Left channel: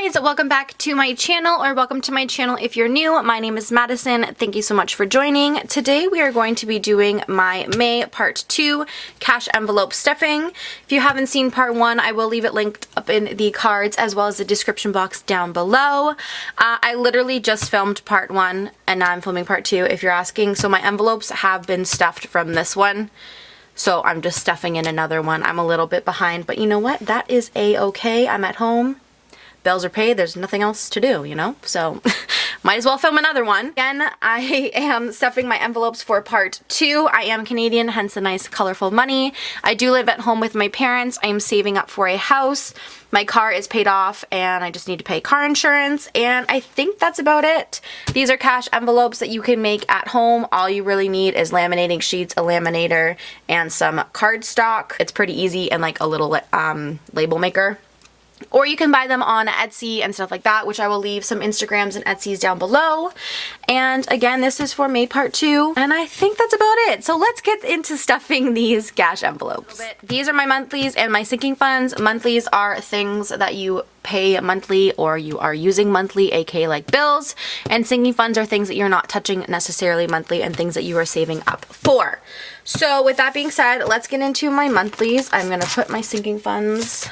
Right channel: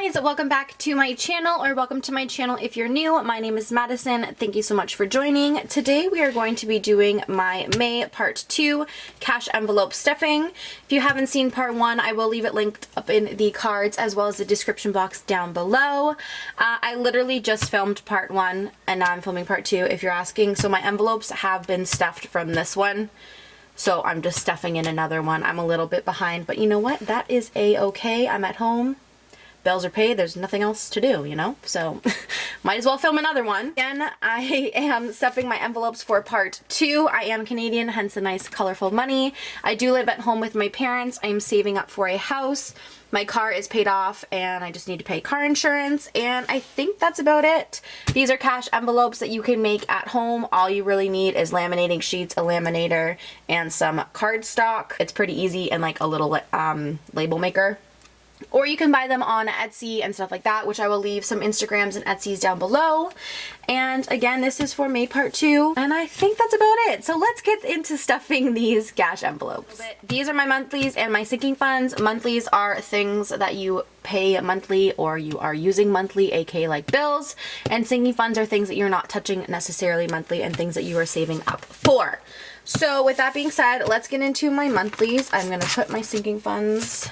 guys, welcome back to my channel, or welcome to my channel if you're new. My name is Madison. Thank you so much for joining. Today we are going to be doing my May part 2 cash envelope stuffing. If you haven't seen part 1, I will leave it linked up in the cards as well as the description box down below. I literally just filmed part 1 and now I'm filming part 2 if you're asking. So my envelopes have been stuffed from this one. So I'm just stuffing in another one. I'm a little bit behind, but you know what? That is a-okay. I'm at home. Bills are paid, there's nothing else to do, you know? So might as well film another one. Again, I am stuffing my envelopes for part 2. I am Canadian, hence the nice colorful money. I do live at home with my parents. I am saving up for a house. My car is paid off and I just need to pay car insurance, and I think that's about it. These are cash envelopes that you can make at home. All you really need is laminating sheets, a laminator, and some cardstock. It's pretty easy, and like a little label maker. Or you can buy them on Etsy and stuff like that, which I will leave some Instagrams and Etsys down below. And again, this is for May part 2, and I think that's about it. So let's get into stuffing these cash envelopes. These are my monthlies and my sinking funds. Monthlies are things that you pay monthly or you are using monthly, aka like bills. And sinking funds are things that you're not touching necessarily monthly and things that you are saving up for. So with that being said, let's get into my monthlies. I'm gonna put my sinking funds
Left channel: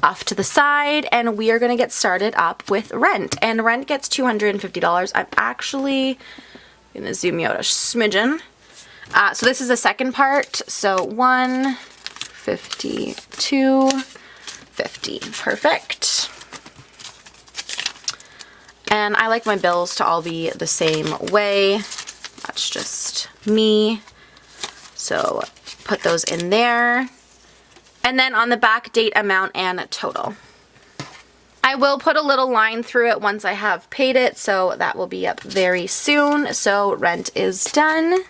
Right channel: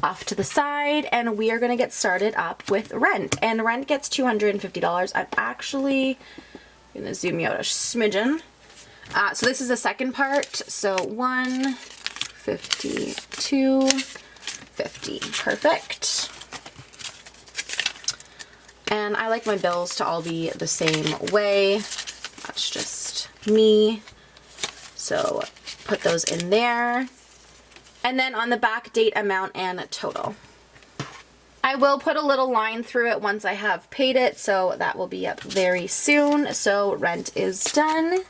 off to the side, and we are going to get started up with rent. And rent gets $250. I'm actually going to zoom you out a smidgen. So this is the second part. So 150, 250. Perfect. And I like my bills to all be the same way. That's just me. So put those in there. And then on the back, date, amount, and total. I will put a little line through it once I have paid it, so that will be up very soon. So rent is done.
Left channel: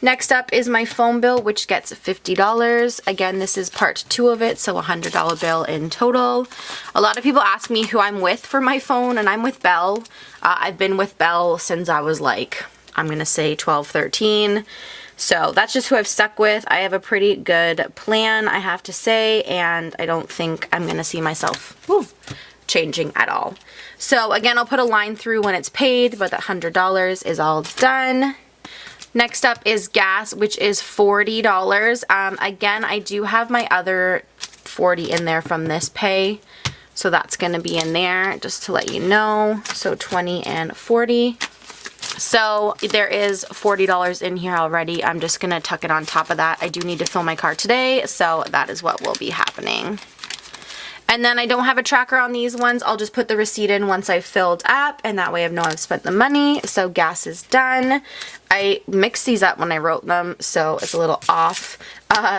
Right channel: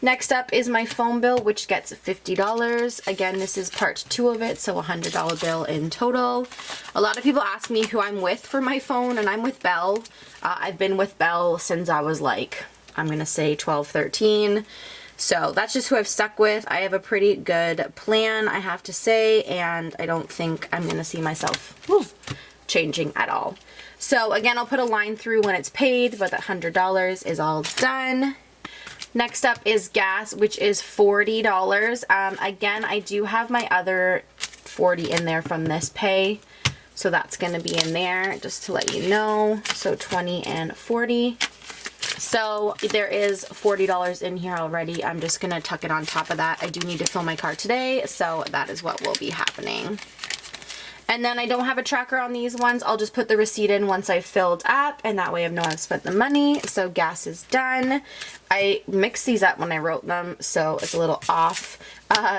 Next up is my phone bill, which gets $50. Again, this is part 2 of it, so a $100 bill in total. A lot of people ask me who I'm with for my phone, and I'm with Belle. I've been with Belle since I was like, I'm gonna say 12, 13. So that's just who I've stuck with. I have a pretty good plan, I have to say, and I don't think I'm going to see myself changing at all. So again, I'll put a line through when it's paid, but that $100 is all done. Next up is gas, which is $40. Again, I do have my other $40 in there from this pay, so that's going to be in there just to let you know. So $20 and $40. So there is $40 in here already. I'm just going to tuck it on top of that. I do need to fill my car today, so that is what will be happening. And then I don't have a tracker on these ones. I'll just put the receipt in once I've filled up, and that way I know I've spent the money. So gas is done. I mixed these up when I wrote them, so it's a little off.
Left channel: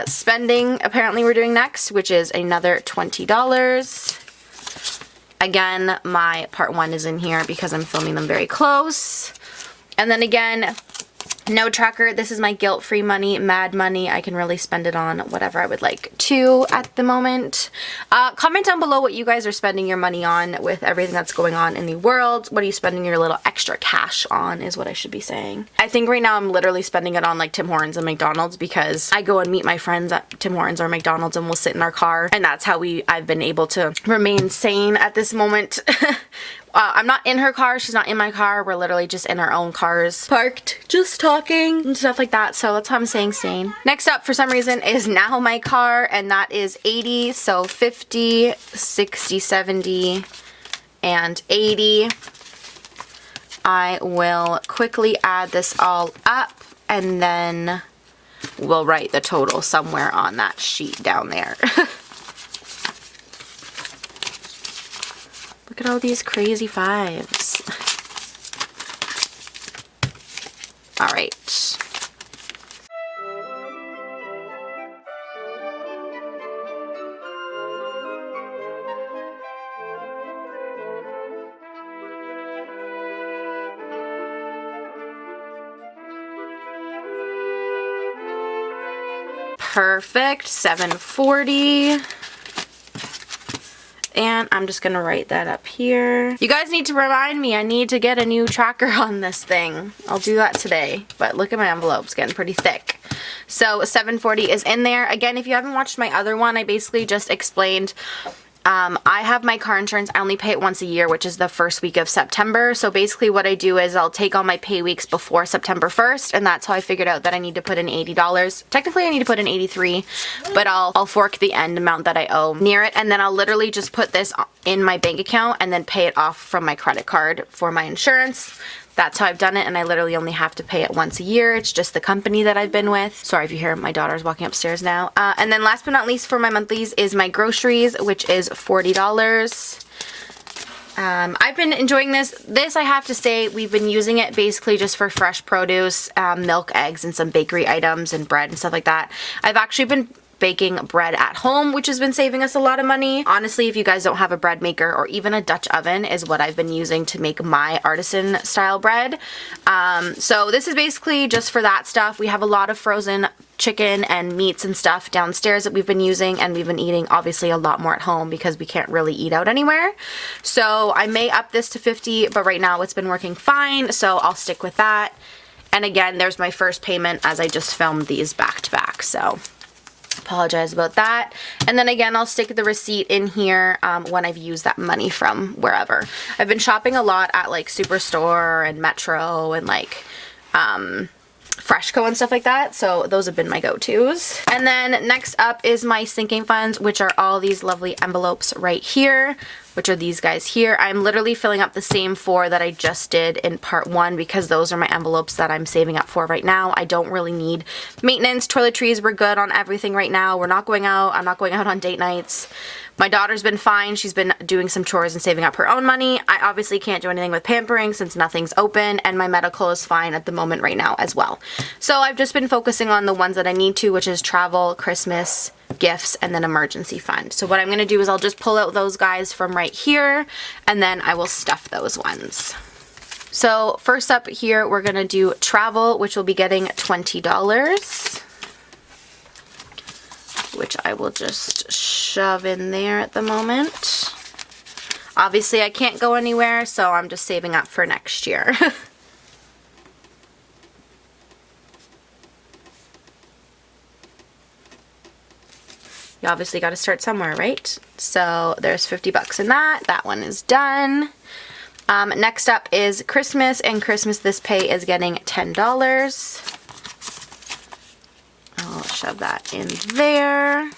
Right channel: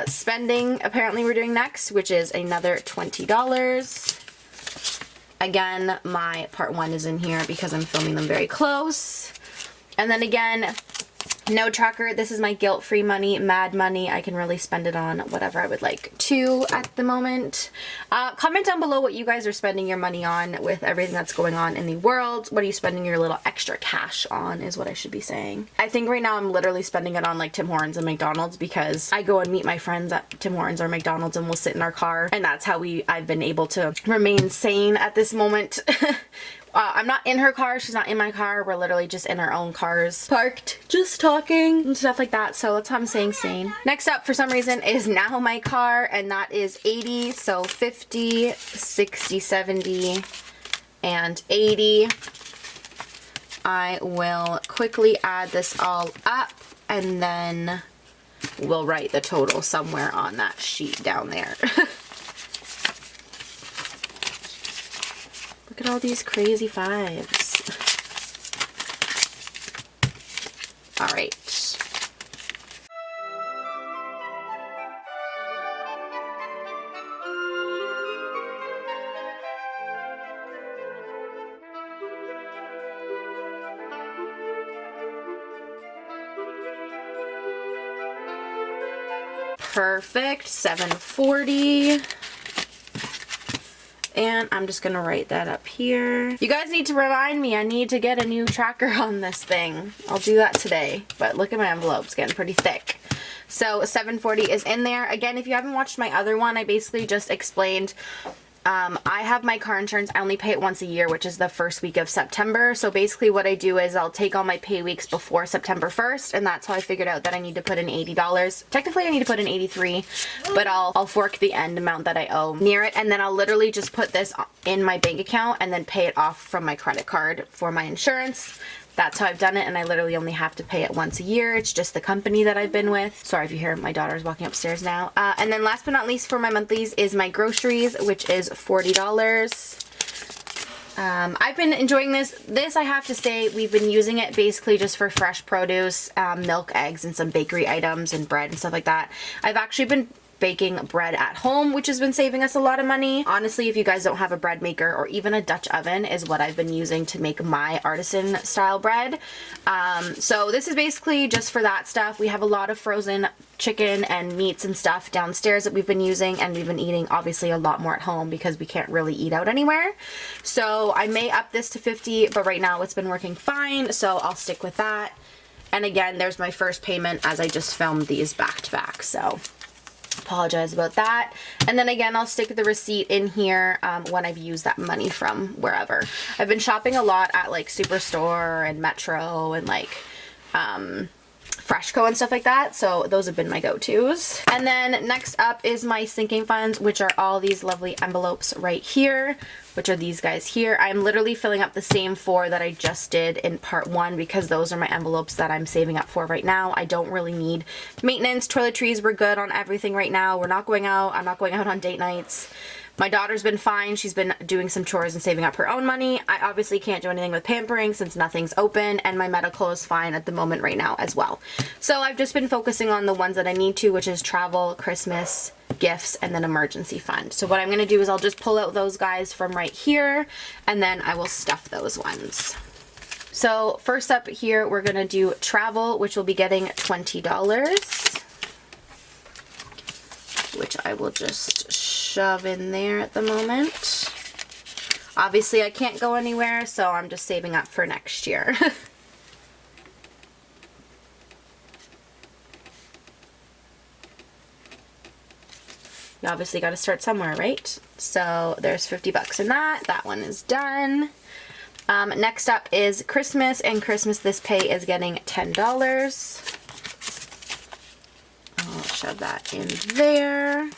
Spending, apparently we're doing next, which is another $20. Again, my part 1 is in here because I'm filming them very close. And then again, no tracker. This is my guilt-free money, mad money. I can really spend it on whatever I would like to at the moment. Comment down below what you guys are spending your money on with everything that's going on in the world. What are you spending your little extra cash on is what I should be saying. I think right now I'm literally spending it on like Tim Hortons and McDonald's, because I go and meet my friends at Tim Hortons or McDonald's and we'll sit in our car, and that's how I've been able to remain sane at this moment. I'm not in her car, she's not in my car, we're literally just in our own cars, parked, just talking and stuff like that, so that's how I'm staying sane. Next up, for some reason, is now my car, and that is 80, so 50, 60, 70, and 80. I will quickly add this all up, and then we'll write the total somewhere on that sheet down there. Look at all these crazy 5s. All right. Perfect. 740. And I'm just gonna write that up here. You guys need to remind me, I need to get a new tracker on this thing. I'll do that today, but look at my envelopes getting pretty thick. So 740 is in there. Again, if you haven't watched my other one, I basically just explained I have my car insurance. I only pay it once a year, which is the first week of September. So basically what I do is I'll take all my pay weeks before September 1st, and that's how I figured out that I need to put in $80. Technically I need to put in 83, but I'll fork the end amount that I owe near it, and then I'll literally just put this in my bank account and then pay it off from my credit card for my insurance. That's how I've done it, and I literally only have to pay it once a year. It's just the company that I've been with. Sorry if you hear my daughter's walking upstairs now. And then last but not least for my monthlies is my groceries, which is $40. I've been enjoying this. This, I have to say, we've been using it basically just for fresh produce, milk, eggs, and some bakery items and bread and stuff like that. I've actually been baking bread at home, which has been saving us a lot of money. Honestly, if you guys don't have a bread maker or even a Dutch oven, is what I've been using to make my artisan style bread. So this is basically just for that stuff. We have a lot of frozen chicken and meats and stuff downstairs that we've been using, and we've been eating obviously a lot more at home because we can't really eat out anywhere. So I may up this to 50, but right now it's been working fine, so I'll stick with that. And again, there's my first payment as I just filmed these back to back, so apologize about that. And then again, I'll stick the receipt in here when I've used that money from wherever. I've been shopping a lot at like Superstore and Metro and like Freshco and stuff like that, so those have been my go-tos. And then next up is my sinking funds, which are all these lovely envelopes right here, which are these guys here. I'm literally filling up the same 4 that I just did in part 1 because those are my envelopes that I'm saving up for right now. I don't really need maintenance. Toiletries, we're good on everything right now. We're not going out. I'm not going out on date nights. My daughter's been fine. She's been doing some chores and saving up her own money. I obviously can't do anything with pampering since nothing's open, and my medical is fine at the moment right now as well. So I've just been focusing on the ones that I need to, which is travel, Christmas, gifts, and then emergency fund. So what I'm going to do is I'll just pull out those guys from right here, and then I will stuff those ones. So first up here, we're going to do travel, which will be getting $20. Which I will just shove in there at the moment. Obviously I can't go anywhere, so I'm just saving up for next year. You obviously got to start somewhere, right? So there's 50 bucks in that. That one is done. Next up is Christmas, and Christmas this pay is getting $10. I'll shove that in there.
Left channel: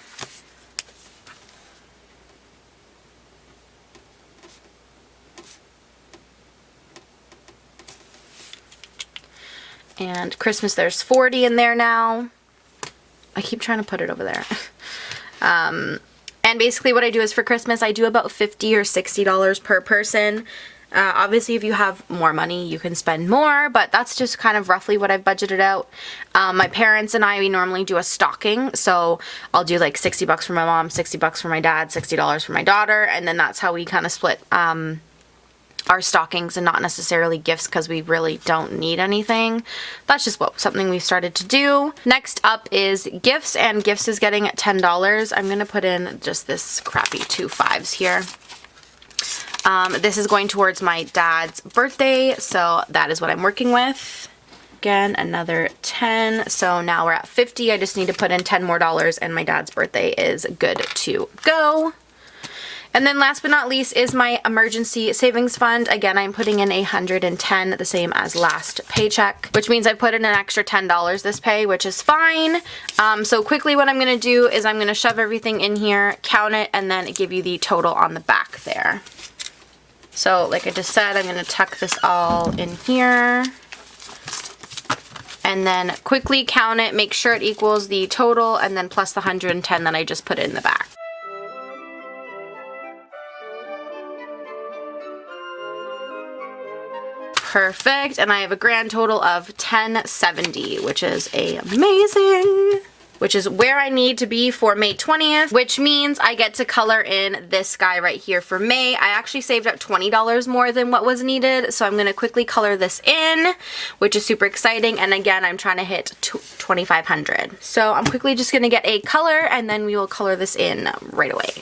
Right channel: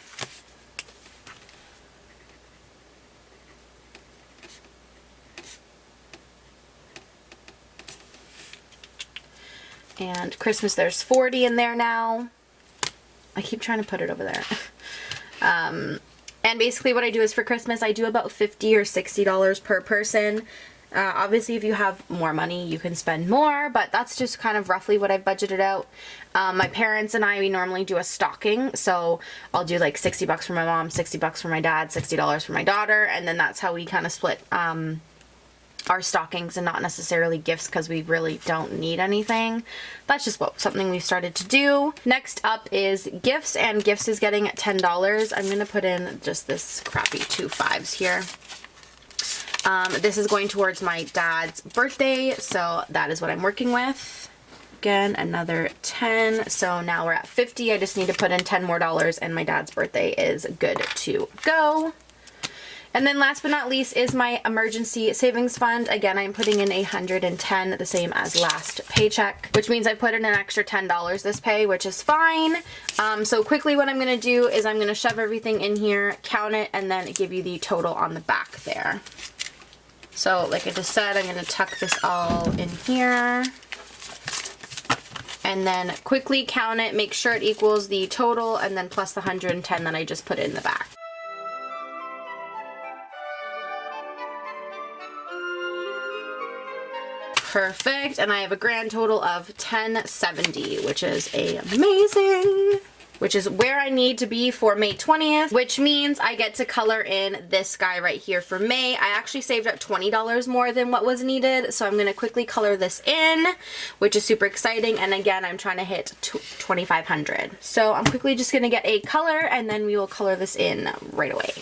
And Christmas, there's 40 in there now. I keep trying to put it over there. And basically what I do is for Christmas, I do about $50 or $60 per person. Obviously, if you have more money, you can spend more, but that's just kind of roughly what I've budgeted out. My parents and I, we normally do a stocking, so I'll do like 60 bucks for my mom, 60 bucks for my dad, $60 for my daughter, and then that's how we kind of split our stockings, and not necessarily gifts because we really don't need anything. That's just something we've started to do. Next up is gifts, and gifts is getting $10. I'm going to put in just this crappy 2 5s here. This is going towards my dad's birthday, so that is what I'm working with. Again, another 10, so now we're at 50. I just need to put in 10 more dollars, and my dad's birthday is good to go. And then last but not least is my emergency savings fund. Again, I'm putting in 110, the same as last paycheck, which means I put in an extra $10 this pay, which is fine. So quickly what I'm going to do is I'm going to shove everything in here, count it, and then give you the total on the back there. So like I just said, I'm going to tuck this all in here and then quickly count it, make sure it equals the total, and then plus the 110 that I just put in the back. Perfect, and I have a grand total of $10.70, which is amazing. Which is where I need to be for May 20th, which means I get to color in this guy right here for May. I actually saved up $20 more than what was needed, so I'm going to quickly color this in, which is super exciting. And again, I'm trying to hit 2,500. So I'm quickly just going to get a color, and then we will color this in right away.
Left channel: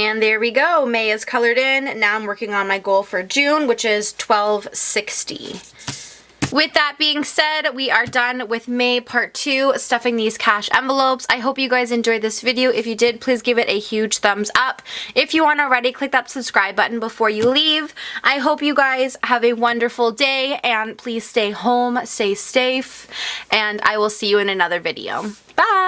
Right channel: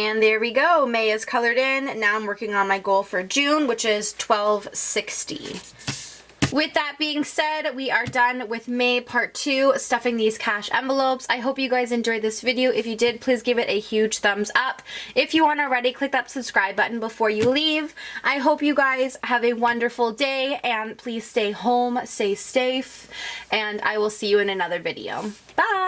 And there we go. May is colored in. Now I'm working on my goal for June, which is 1260. With that being said, we are done with May part 2, stuffing these cash envelopes. I hope you guys enjoyed this video. If you did, please give it a huge thumbs up. If you aren't already, click that subscribe button before you leave. I hope you guys have a wonderful day, and please stay home, stay safe, and I will see you in another video. Bye!